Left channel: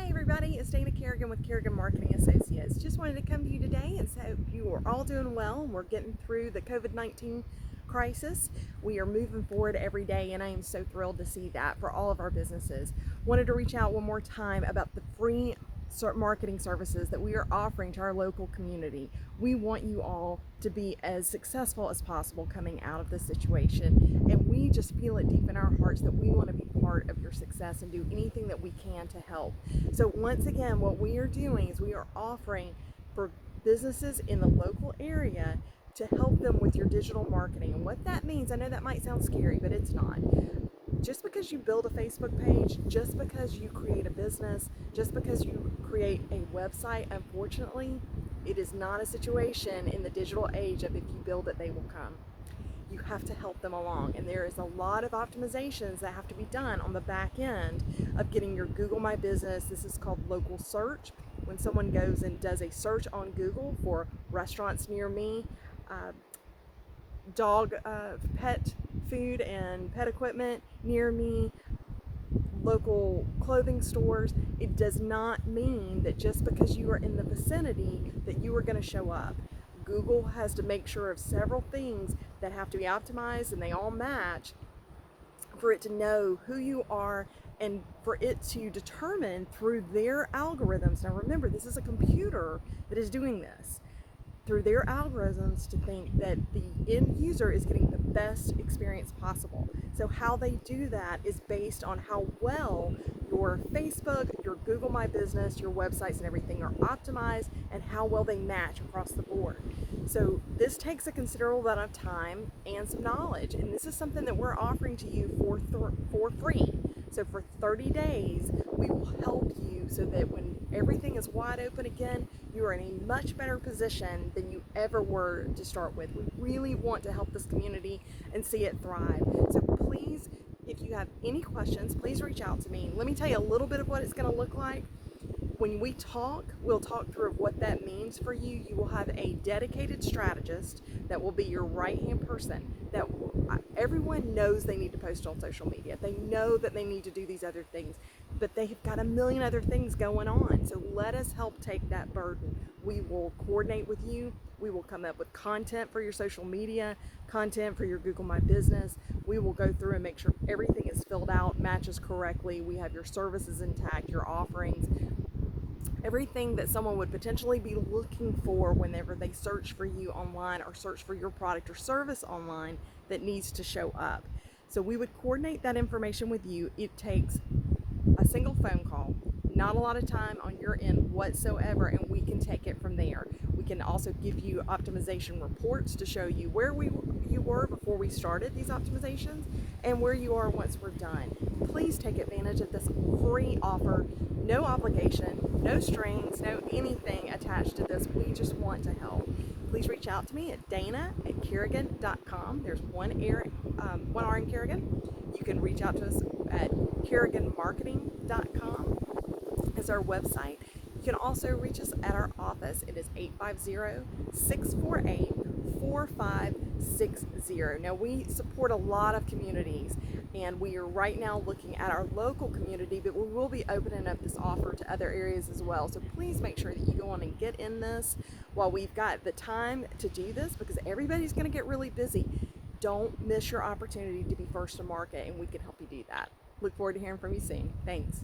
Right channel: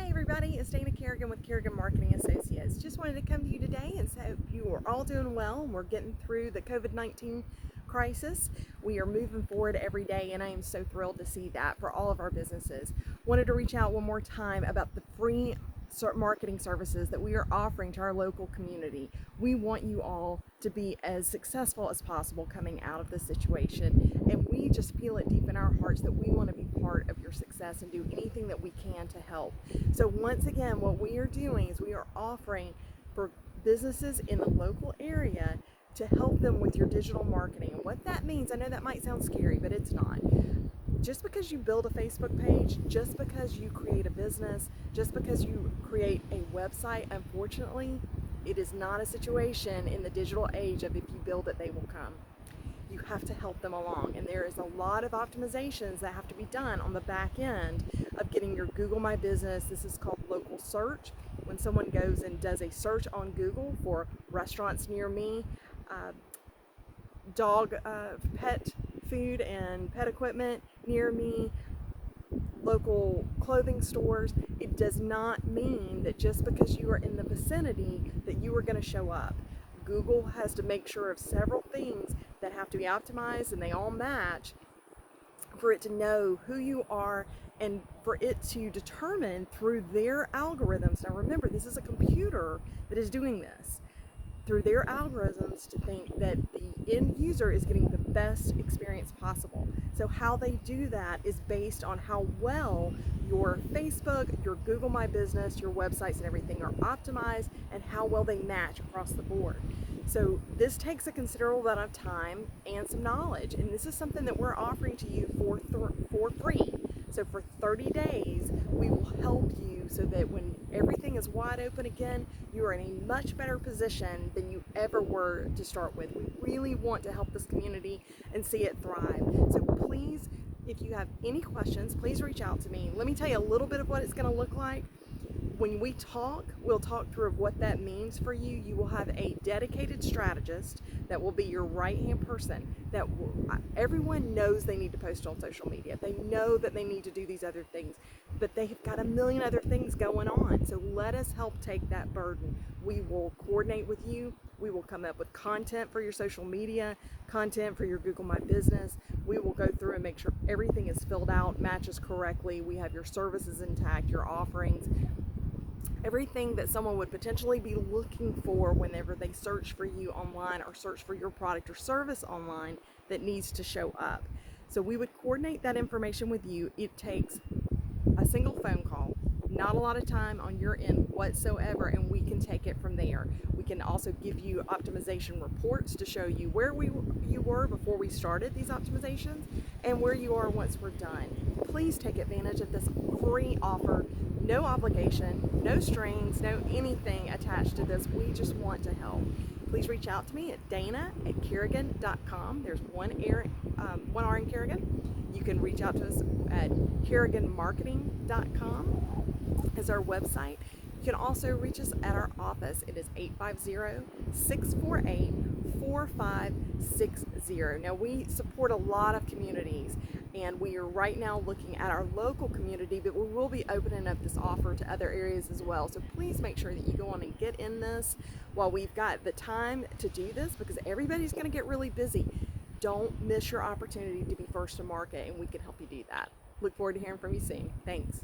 Hi everybody, it's Dana Kerigan with Kerigan Marketing Associates. Just wanted to come to you today and say you are all doing well and we're getting through the COVID-19 crisis. We are moving forward every day and I am so thrilled to see that for all of our businesses. Wanted to reach out one more time about the free marketing services that we are offering to our local community. We want you all to be as successful as possible coming out of this situation, and we just feel it deep in our hearts that we want to be part of your success and do anything that we can to help. So once again, what we are doing is we are offering for businesses in the local area to help them with your digital marketing. And what that means, I know that might sound scary, but it's not. Just because you build a Facebook page, just because you create a business, just because you create a website, unfortunately, it is not a situation in the digital age of if you build it, they will come. You have to help them along, and there is a lot of optimizations that have to be done on the back end of getting your Google My Business. This is called local search. When someone goes and does a search on Google for restaurants near me, dog pet food and pet equipment near me, local clothing stores, it does not mean that just because you are in the vicinity that you are going to show up. Google has to make sure of several things that have to be optimized and they all match for it to know who you are and for it to determine through their algorithms. Now remember, this is a computer that is doing this. Through their algorithms to think that the end user is getting the best experience possible. So how they do that is based on how well your Facebook, your Google My Business, your websites and everything are optimized and how well they match across the board. So this takes a considerable amount of time and some knowledge, and this is something that we're offering to you for free. So for 30 days, we will help you so that when everything is wide open again, you are in a much better position than you ever were to start with. We really want to help this community and see it thrive. So please, if you have any questions, please reach out to me. Let me tell you a little bit of what it's going to look like. When we talk, we'll talk through what that means for you. You will have a dedicated strategist that will be your right-hand person. Everyone knows they need to post on social media. They know that they need to do these other things, but they've got a million other things going on. So let us help take that burden. We will coordinate with you. We will come up with content for your social media, content for your Google My Business. We will go through and make sure everything is filled out, matches correctly. We have your services intact, your offerings, everything that someone would potentially be looking for whenever they search for you online or search for your product or service online that needs to show up. So we would coordinate that information with you. It takes a single phone call, not a lot of time on your end whatsoever, and we can take it from there. We can also give you optimization reports to show you where you were before we started these optimizations and where you are once we're done. Please take advantage of this free offer. No obligation, no strings, no anything attached to this. We just want to help. Please reach out to me at dana@kerigan.com. There's one R in Kerigan. You can reach out to us at keriganmarketing.com as our website. You can also reach us at our office. It is 850-648-4560. Now we support a lot of communities, and we are right now looking at our local community, but we will be opening up this offer to other areas as well. So please make sure that you go on and get in this while we've got the time to do this, because everybody's going to get really busy. Don't miss your opportunity to be first to market, and we can help you do that. Look forward to hearing from you soon. Thanks.